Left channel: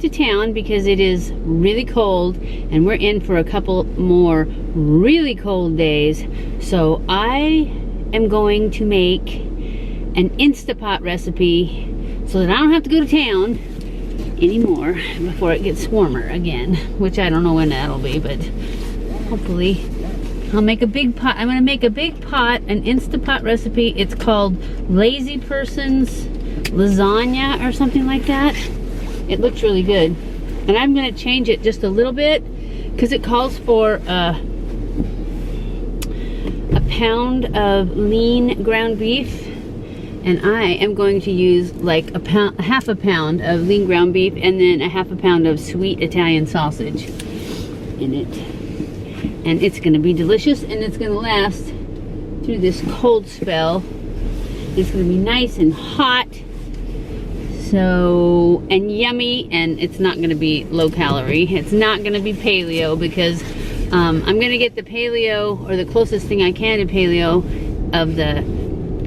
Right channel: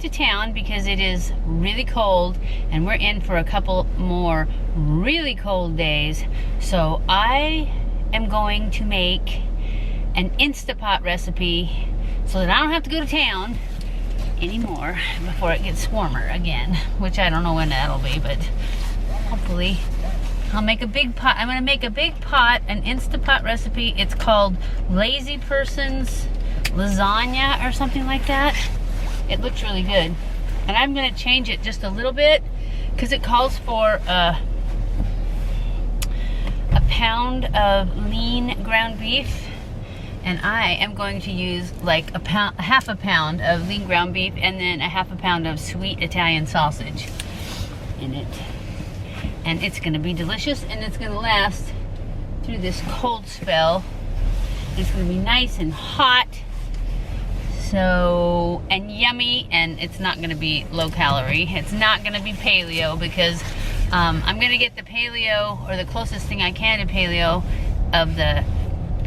to town because it is really cold and we're in for a couple more really cold days. So I am going to make an Instant Pot recipe so that I don't have to go to town anymore before it gets warmer again, which I don't know when that'll be, but hopefully I'll make a big pot. I'm gonna make a big pot, an Instant Pot recipe. It's called Lazy Person's Lasagna or something like that. It looks really good. And I'm gonna change it just a little bit because it calls for a pound of lean ground beef. And I am going to use like half a pound of lean ground beef and then a half a pound of sweet Italian sausage in it. And it's gonna be delicious and it's gonna last through this cold spell. It's gonna be nice and hot. So, and yummy, and it's not gonna be low calorie. It's not gonna be paleo because I'm gonna get the paleo, or the closest thing I can to paleo, of the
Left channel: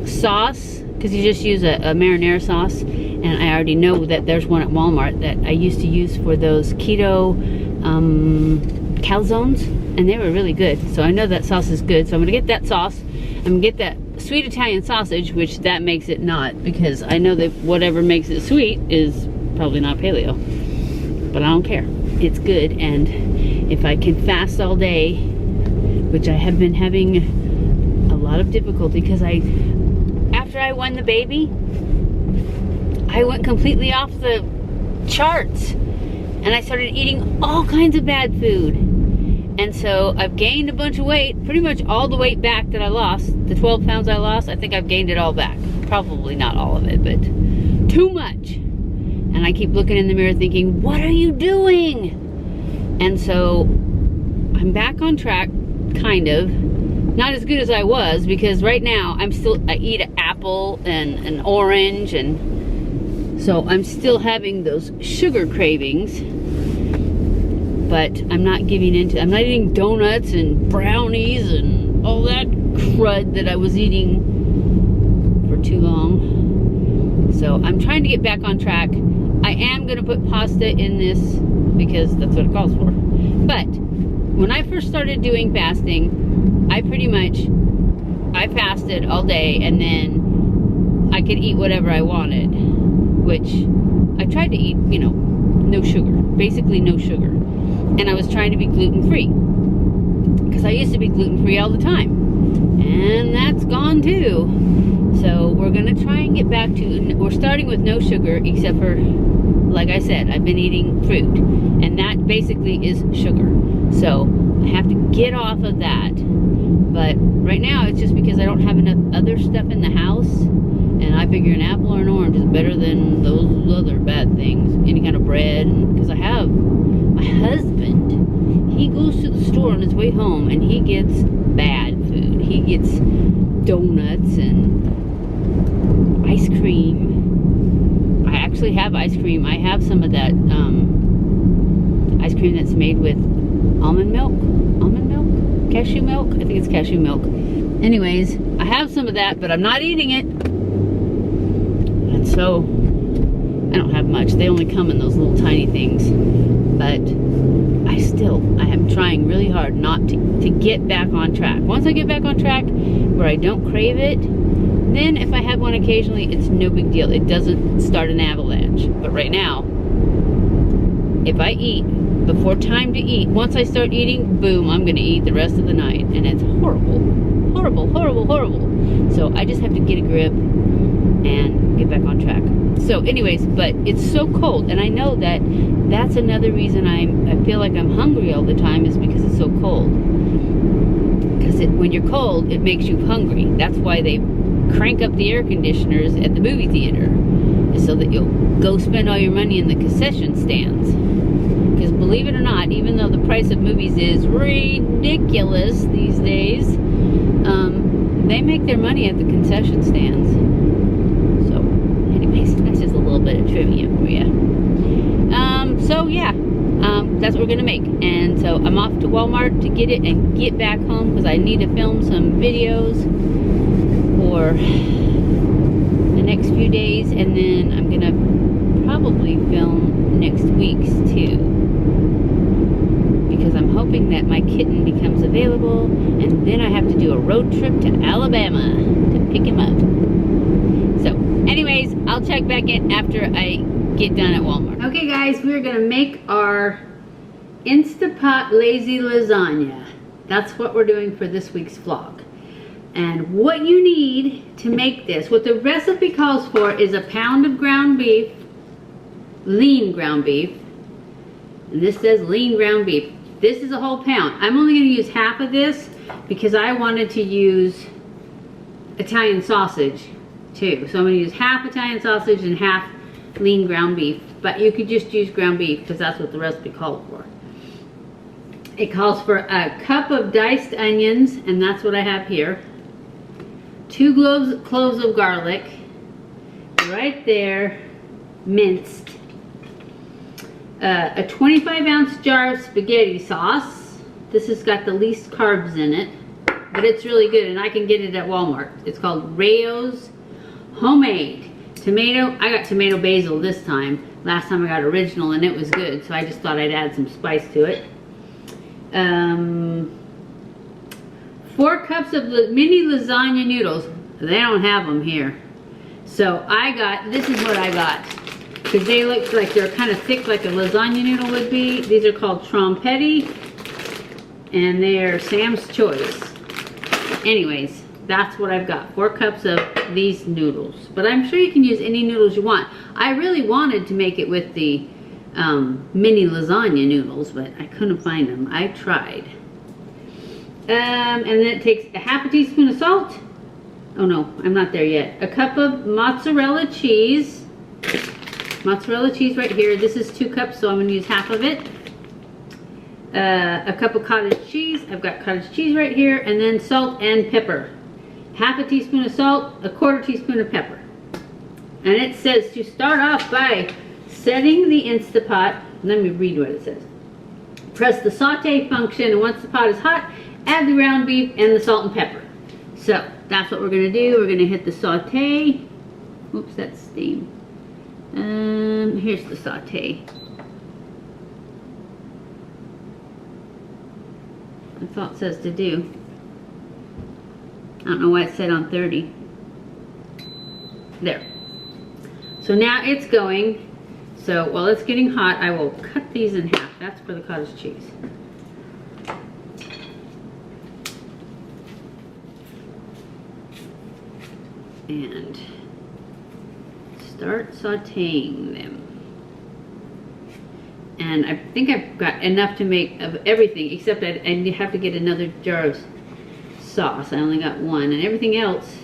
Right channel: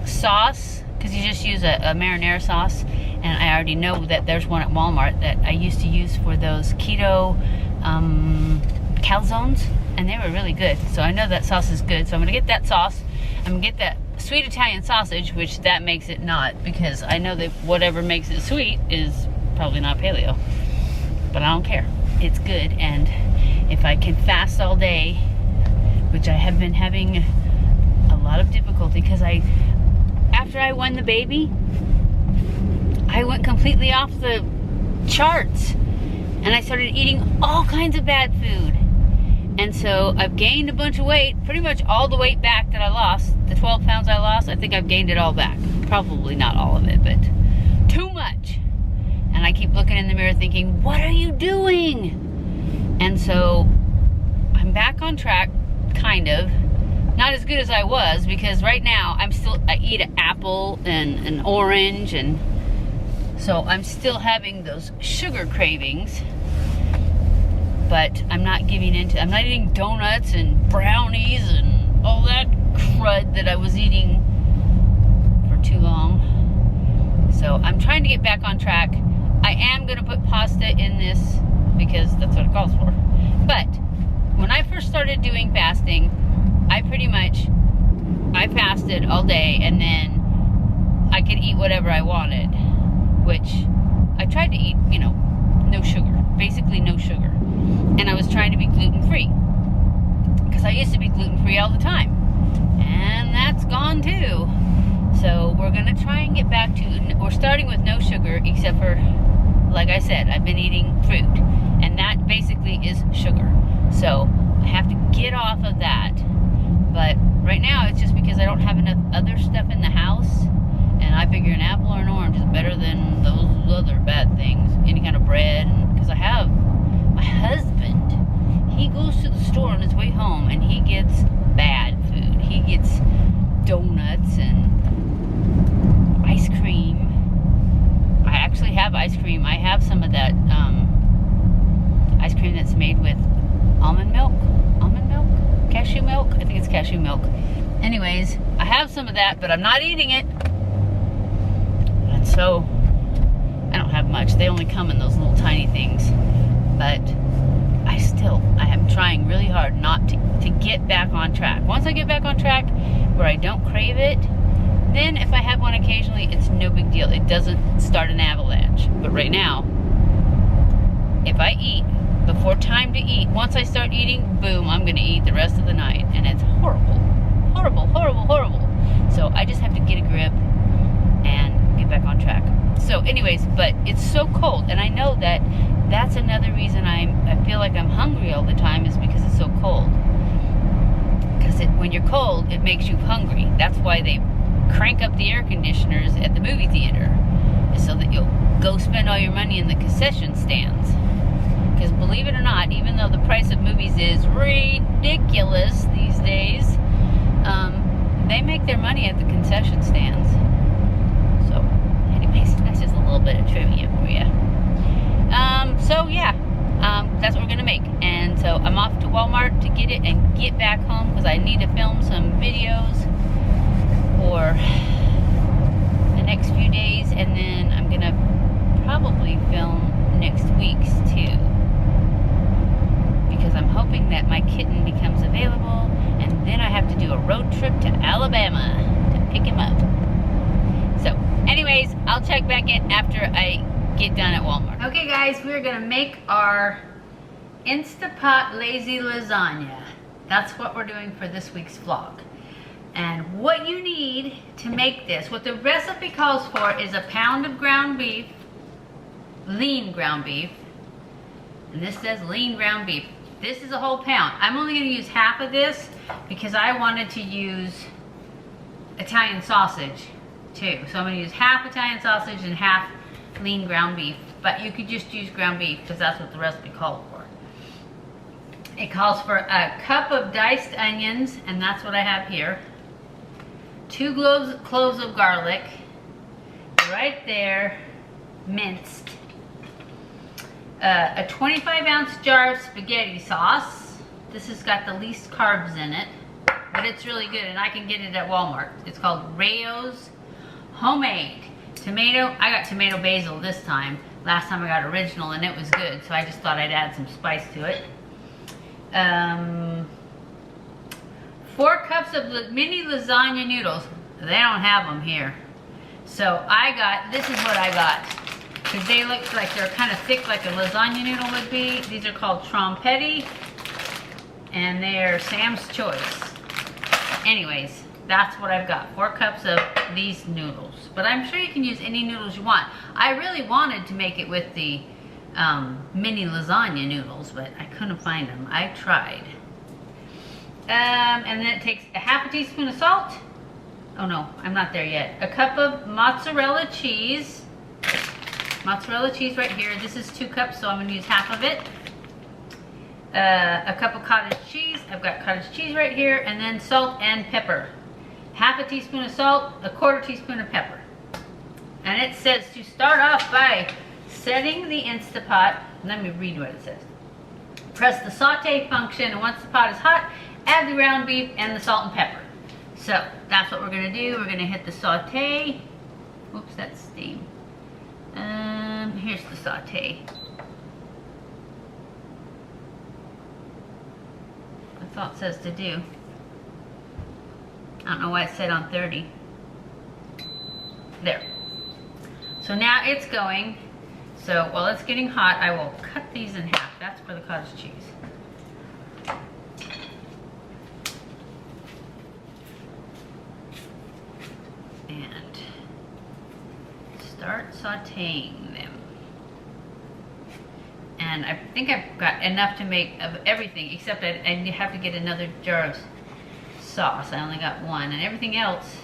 sauce, because you just use a marinara sauce. And I already know that there's one at Walmart that I used to use for those keto calzones, and they were really good. So I know that sauce is good, so I'm gonna get that sauce. I'm gonna get that sweet Italian sausage, which that makes it not, because I know that whatever makes it sweet is probably not paleo, but I don't care. It's good. And if I can fast all day, which I have been having a lot of difficulty, because after I won the baby, I went completely off the charts and I started eating all kinds of bad food. And so I've gained a bunch of weight, pretty much all the weight back that I lost. The 12 pounds I lost, I think I've gained it all back. Probably not all of it, but too much. And I keep looking in the mirror thinking, what are you doing? And so I'm back on track, kind of. Not as good as I was, because right now I eat an apple and an orange, and so I'm still having those sugar cravings. But I'm not I'm not eating donuts and brownies and all that crud that I was eating for too long. So I'm trying to get back on track. I am gonna put pasta in this because that's what it calls for. But when I first started doing fasting, I fasted all day and then I could eat whatever I wanted, which I tried to eat, you know, no sugar, basically no sugar. And I was trying to be gluten-free, because I used to be gluten-free all the time, and that's gone too. So we're gonna try and get back to, we're starting with no sugar, except for, like I said, I've been eating fruit, and that basically is sugar. So I have to get off of that. But right now it's just because I don't have enough other stuff in the house, and I figure an apple or an orange is better than those other bad things, any kind of bread, because I have my husband, he goes to the store on his way home and he gets bad food. He gets donuts and ice cream. I actually have ice cream. I have some of that ice cream that's made with almond milk, cashew milk. I think it's cashew milk. Anyways, I have some of that, but I'm not eating it. And so I don't have much. They only come in those little tiny things. But I am trying really hard not to get back on track. Once I get back on track where I don't crave it, then if I have one occasionally, it's no big deal. It doesn't start an avalanche. But right now, if I eat before time to eat, once I start eating, boom, I'm gonna eat the rest of the night. And it's horrible, horrible, horrible, horrible. So I just have to get a grip and get back on track. So anyways, but it's so cold, and I know that that's another reason I feel like I'm hungry all the time, is because it's so cold. Because when you're cold, it makes you hungry. That's why they crank up the air conditioners at the movie theater, is so that you'll go spend all your money in the concession stands. Because believe it or not, even though the price of movies is ridiculous these days, they make their money at the concession stands. So anyways, that's just a little bit of trivia for you. So yeah, that's what we're gonna make. And so I'm off to Walmart to get it and get back home, because I need to film some videos for the next few days, and then I'm gonna probably film next week's too, because I'm hoping that my kitten becomes available, and then I have to do a road trip to Alabama to pick him up. So anyways, I'll check back in after I get done at Walmart. Okay guys, we're gonna make our Instant Pot Lazy Lasagna. That's what we're doing for this week's vlog. And what you need to make this, what the recipe calls for, is a pound of ground beef, lean ground beef. And this says lean ground beef. This is a whole pound. I'm only gonna use half of this because I wanted to use Italian sausage too. So I'm gonna use half Italian sausage and half lean ground beef. But you could just use ground beef because that's what the recipe called for. It calls for a cup of diced onions, and that's what I have here. 2 cloves of garlic, right there, minced. A 25-ounce jar of spaghetti sauce. This has got the least carbs in it, but it's really good, and I can get it at Walmart. It's called Rayo's Homemade. Tomato, I got tomato basil this time. Last time I got original, and it was good, so I just thought I'd add some spice to it. 4 cups of mini lasagna noodles. They don't have them here. So this is what I got. Because they look like they're kind of thick like a lasagna noodle would be. These are called trompetti. And they are Sam's Choice. Anyways, that's what I've got. 4 cups of these noodles. But I'm sure you can use any noodles you want. I really wanted to make it with the mini lasagna noodles, but I couldn't find them. I tried. And then it takes a half a teaspoon of salt. Oh no, I'm not there yet. A cup of mozzarella cheese. Mozzarella cheese right here. This is 2 cups, so I'm going to use half of it. A cup of cottage cheese. I've got cottage cheese right here. And then salt and pepper. Half a teaspoon of salt, a 1/4 teaspoon of pepper. And it says to start off by setting the Instant Pot. Let me read what it says. Press the saute function, and once the pot is hot, add the ground beef and the salt and pepper. So that's what we're gonna do. We're gonna hit the saute. Oops, that's steam. Here's the saute. That's all it says to do. I don't know why it said on 30. There. So now it's going. So while it's getting hot, I will cut these in half. That's for the cottage cheese. And start sauteing them. And I think I've got enough to make of everything, except I have to get another jar of sauce. I only got 1, and everything else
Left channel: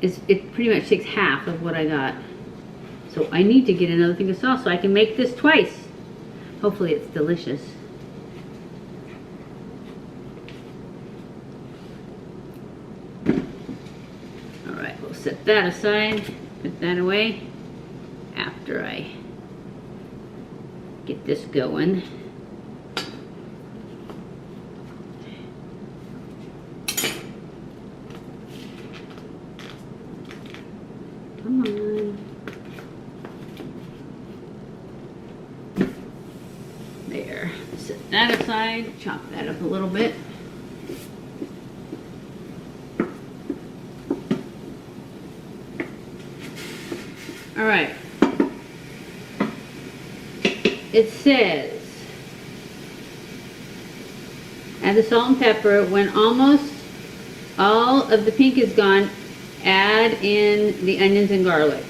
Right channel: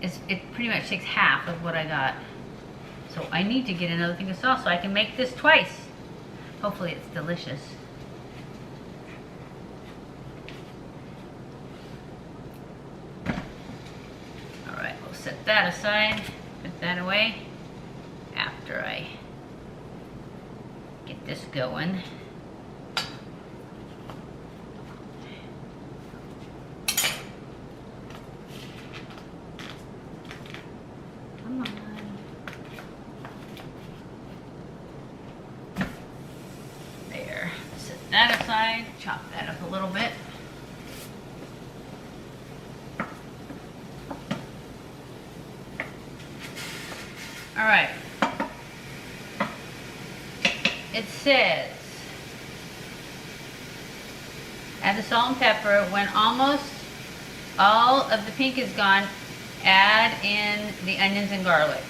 it pretty much takes half of what I got. So I need to get another thing of sauce so I can make this twice. Hopefully it's delicious. All right, we'll set that aside, put that away after I get this going. Come on. There. Set that aside. Chop that up a little bit. All right. It says, add the salt and pepper. When almost all of the pink is gone, add in the onions and garlic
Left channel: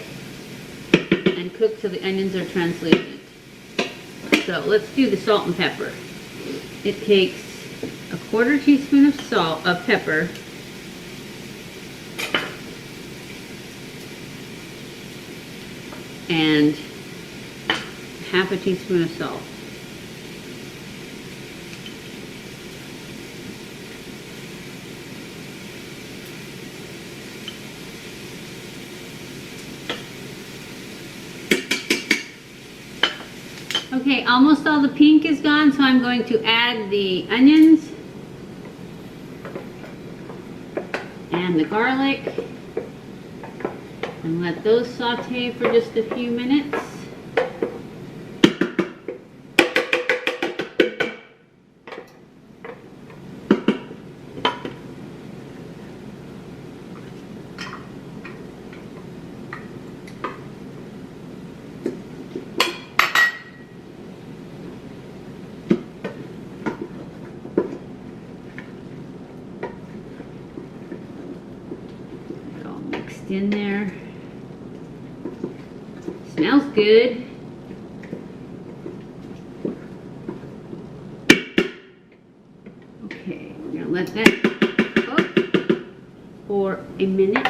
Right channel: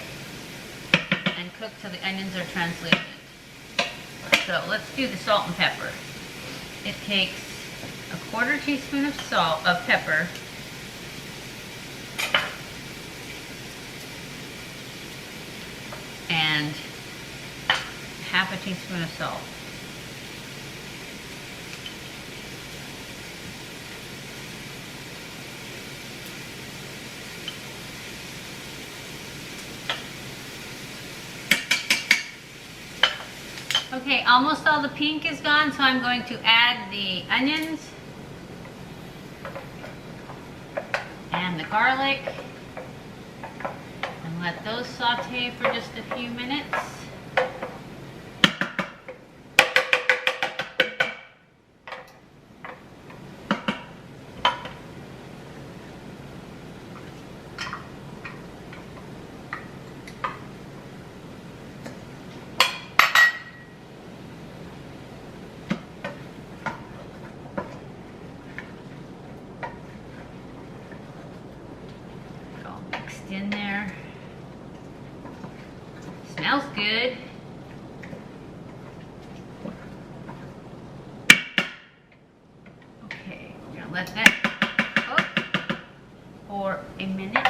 and cook till the onions are translucent. So let's do the salt and pepper. It takes a 1/4 teaspoon of pepper, and half a teaspoon of salt. Okay, almost all the pink is gone, so I'm going to add the onions and the garlic and let those saute for just a few minutes. mixed in there. Smells good. Okay, we're gonna let that cook for a minute.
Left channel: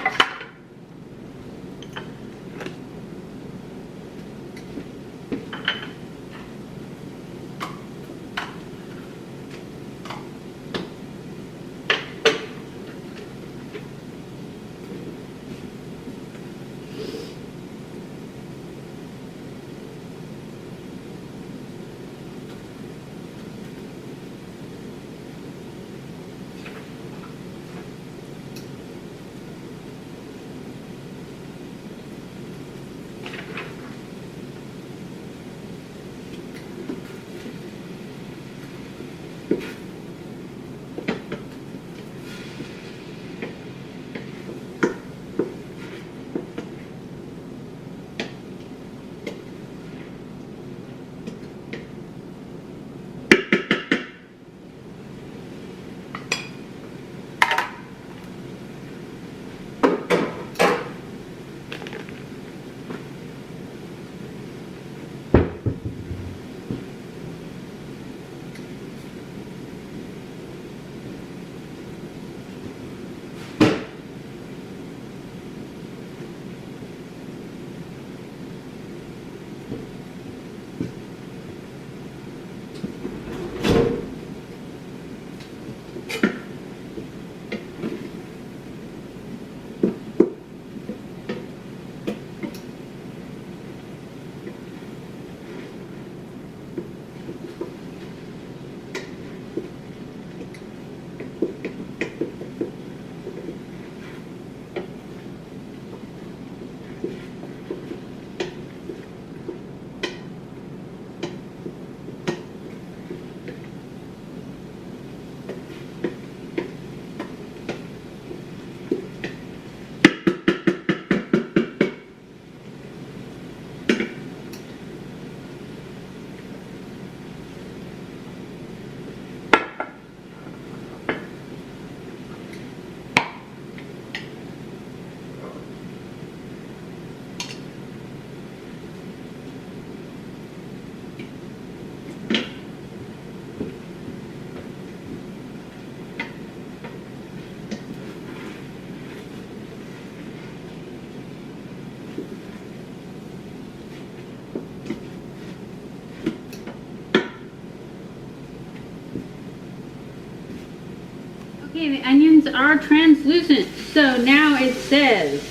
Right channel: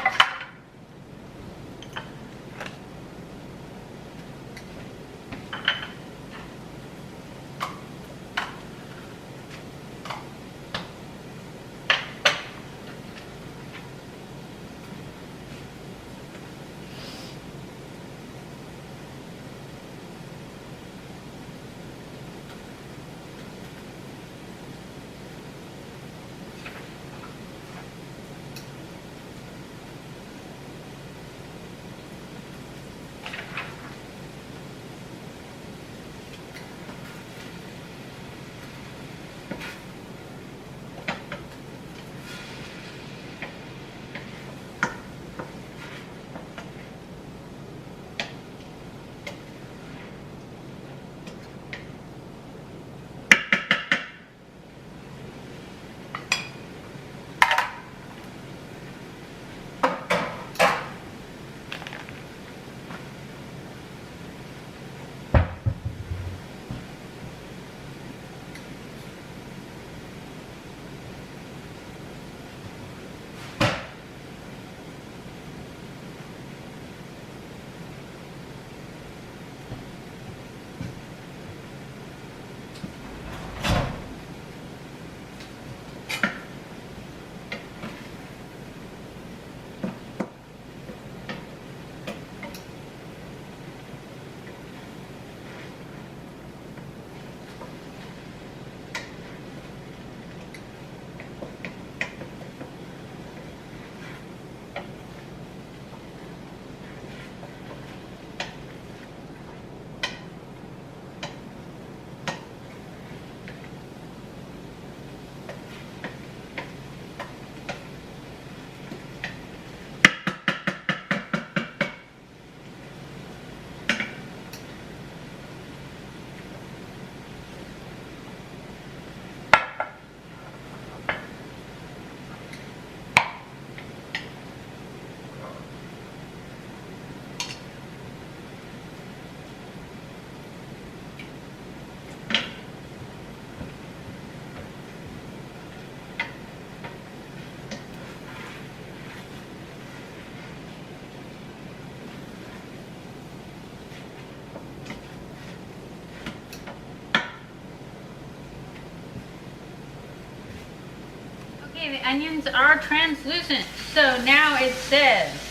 Okay, the onions are translucent, so now it says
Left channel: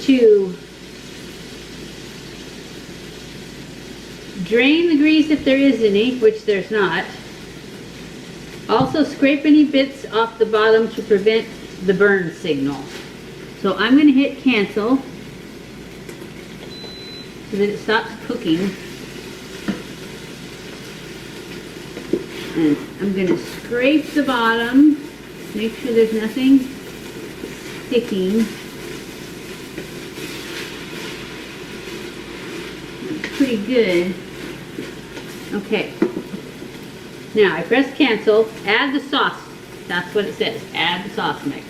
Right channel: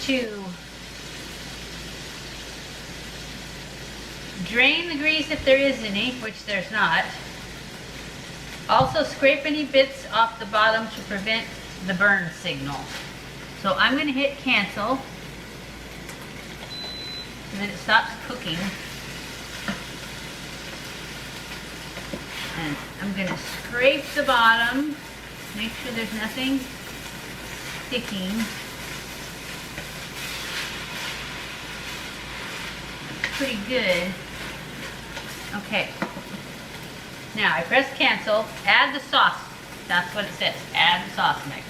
to drain the grease if there is any, which there's not. Also scrape any bits off the bottom to prevent the burn signal. So I'm going to hit cancel so that it stops cooking. And I'm going to scrape the bottom, make sure there's nothing sticking. That's pretty good. Okay. Now I press cancel, add the sauce. That's what it says, add the sauce mix.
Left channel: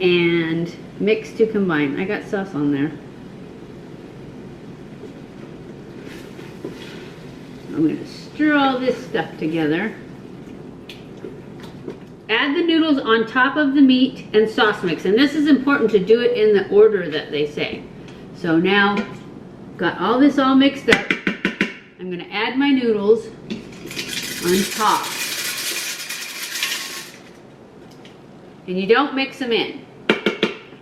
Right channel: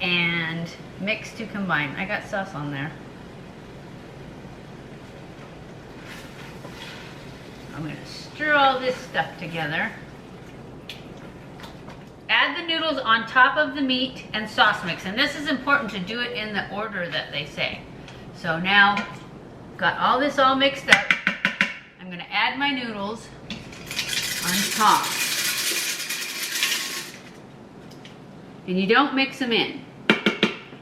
And mix to combine. I got sauce on there. I'm going to stir all this stuff together. Add the noodles on top of the meat and sauce mix. And this is important to do it in the order that they say. So now, got all this all mixed up. I'm going to add my noodles on top. And you don't mix them in.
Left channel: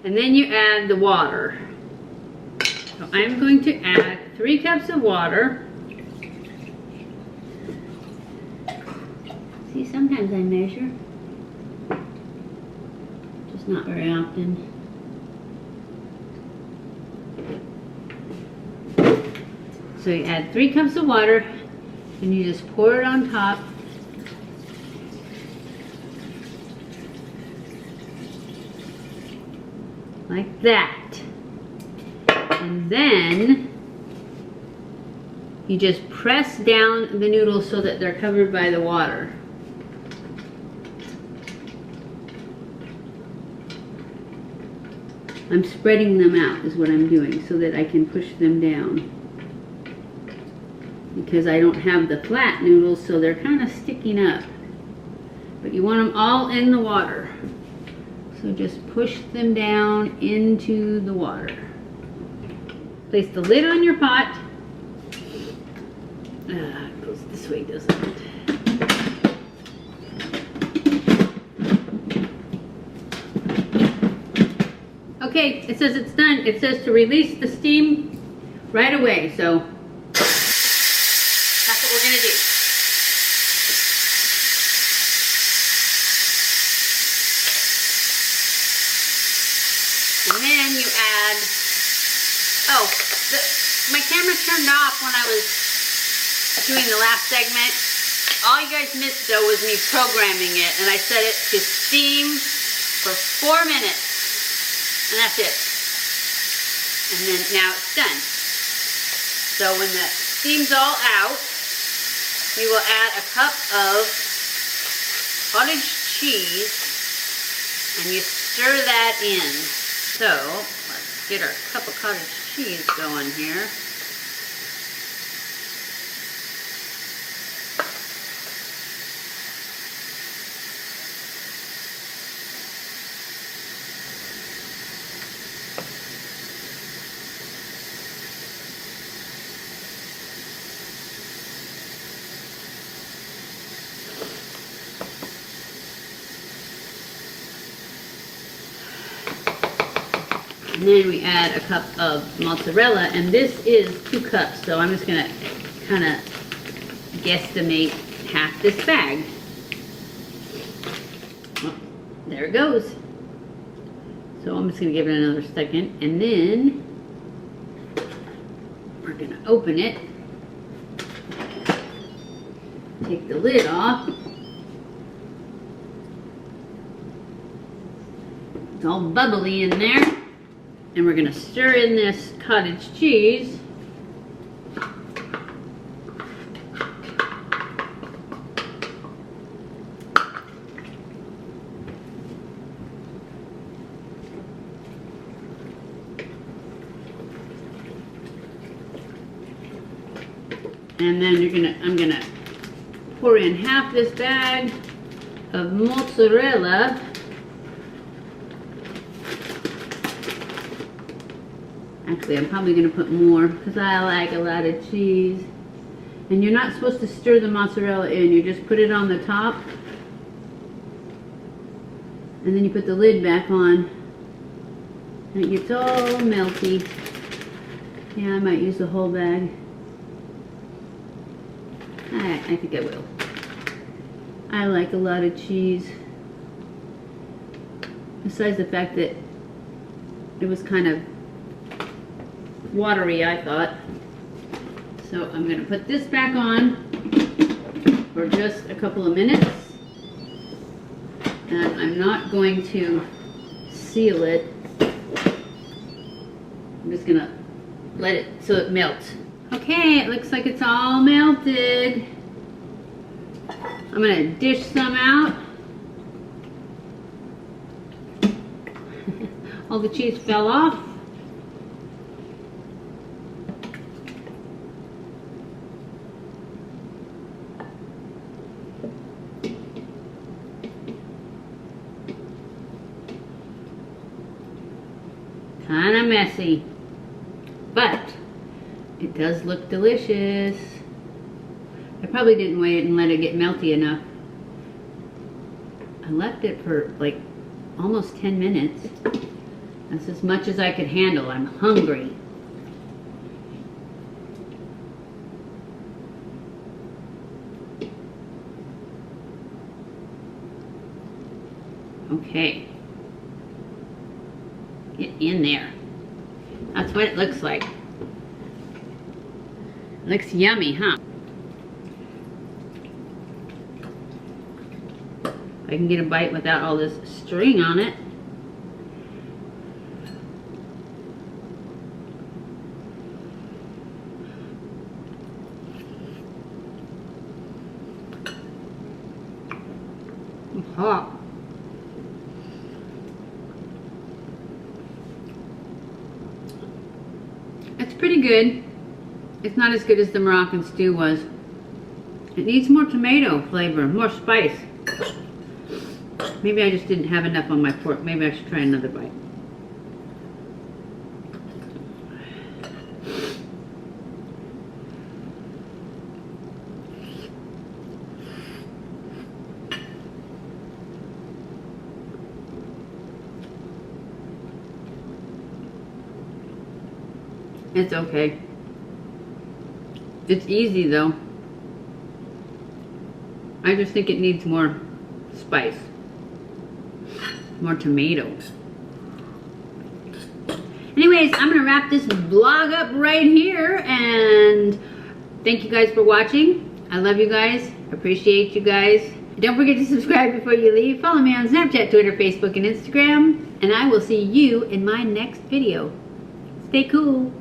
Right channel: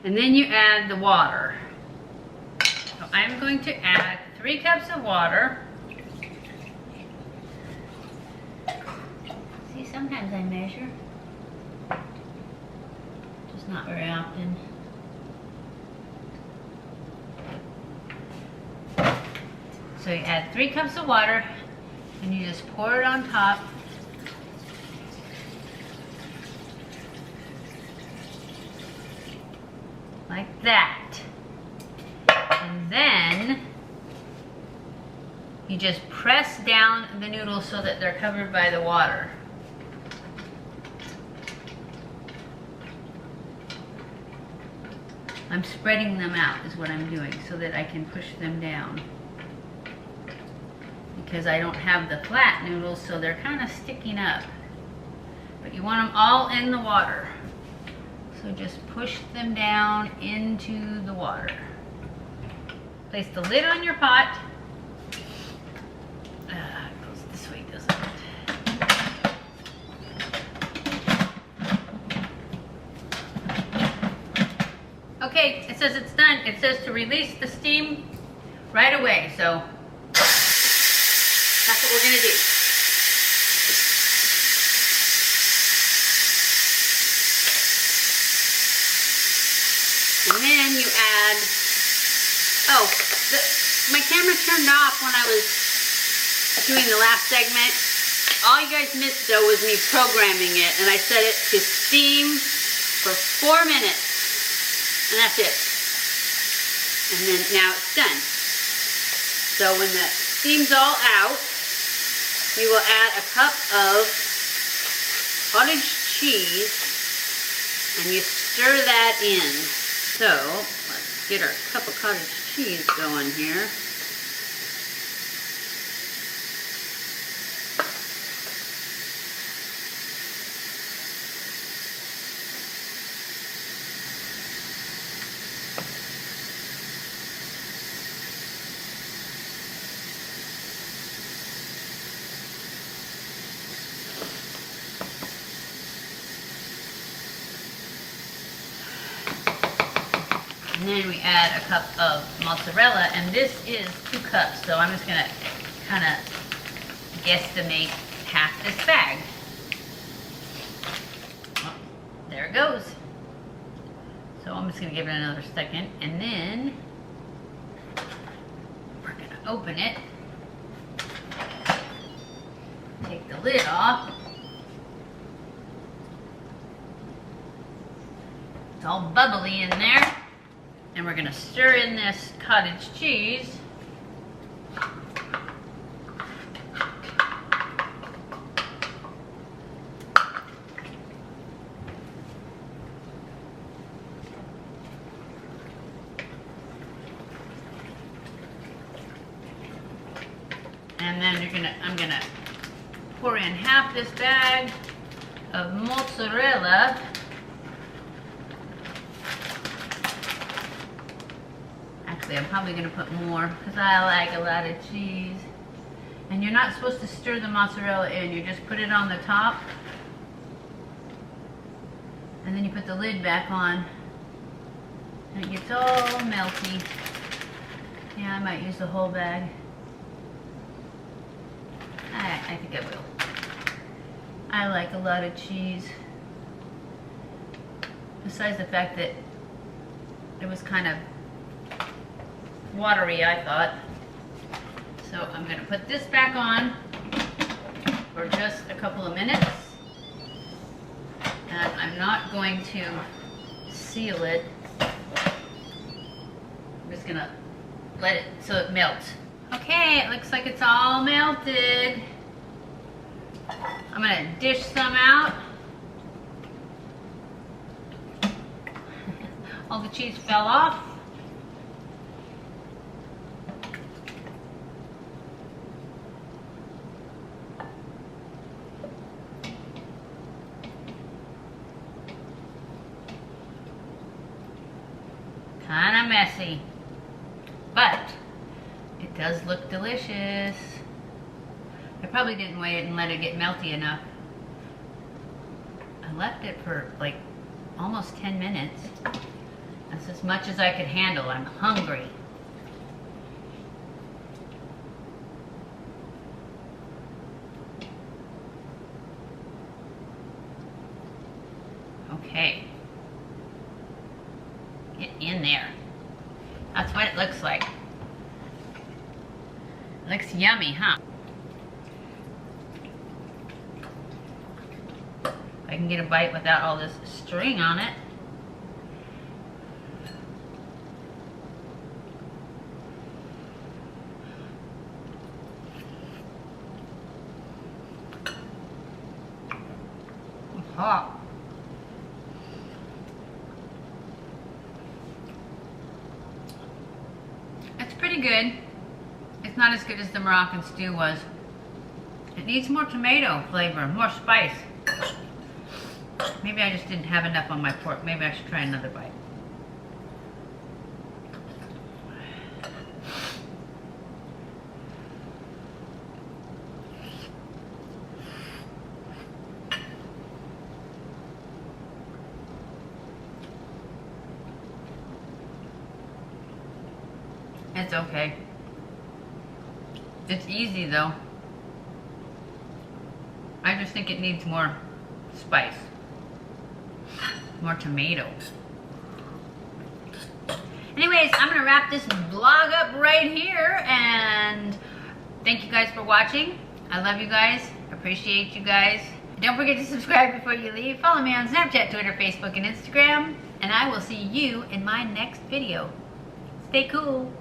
And then you add the water. So I'm going to add 3 cups of water. See, sometimes I measure. Just not very often. So you add 3 cups of water and you just pour it on top. Like that. And then you just press down the noodles so that they're covered by the water. I'm spreading them out is what I'm doing so that I can push them down. Because I don't have the flat noodles, so they're kind of sticking up. But you want them all in the water. So just push them down into the water. Place the lid on your pot. It goes this way, doesn't it? Okay, it says it's done. It says to release the steam right away, so that's what we're gonna do. And then you add, my camera turned off when I was doing the last segment. All you guys missed though was me programming it, and I set it to steam for 4 minutes. And that's it. And then now it's done. So when the steam's all out, we will add a cup of cottage cheese and you stir that in. So let's get our cup of cottage cheese going here. And then we add a cup of mozzarella, and this is 2 cups, so I'm just gonna kind of guesstimate half this bag. Oh, there it goes. So I'm just gonna give it another second, and then we're gonna open it. Take the lid off. It's all bubbly in there. And we're gonna stir in this cottage cheese. And then I'm gonna pour in half this bag of mozzarella. Actually, I'm probably going to put more because I like a lot of cheese. And you're not supposed to stir the mozzarella in. You just put it on the top. And then you put the lid back on. And it gets all melty. Yeah, I might use the whole bag. I think I will. I like a lot of cheese. Besides the fact that it was kind of watery, I thought. So I'm going to put this back on for just a couple of minutes. And I'm not going to seal it. I'm just going to let it so it melts. Okay, it looks like it's all melted. I'm going to dish some out. All the cheese fell off. Kind of messy, but it does look delicious. I probably didn't wait and let it get melty enough. I left it for like almost 10 minutes. That's as much as I could handle. I'm hungry. Okay. Get in there. That's what it looks like. It looks yummy, huh? I can get a bite without all this string on it. It's hot. It's pretty good. It's not as good as the Moroccan stew was. It needs more tomato flavor, more spice. Maybe I just didn't have enough on my pork. Maybe I should try another bite. It's okay. It's easy though. I just think it needs more spice. More tomatoes. Anyways, I'm gonna wrap this vlog up right here, and thank you guys for watching. I love you guys. Appreciate you guys. Don't forget to subscribe before you leave. Follow me on Snapchat, Twitter, Facebook, and Instagram. And I will see you in my next video. Stay cool.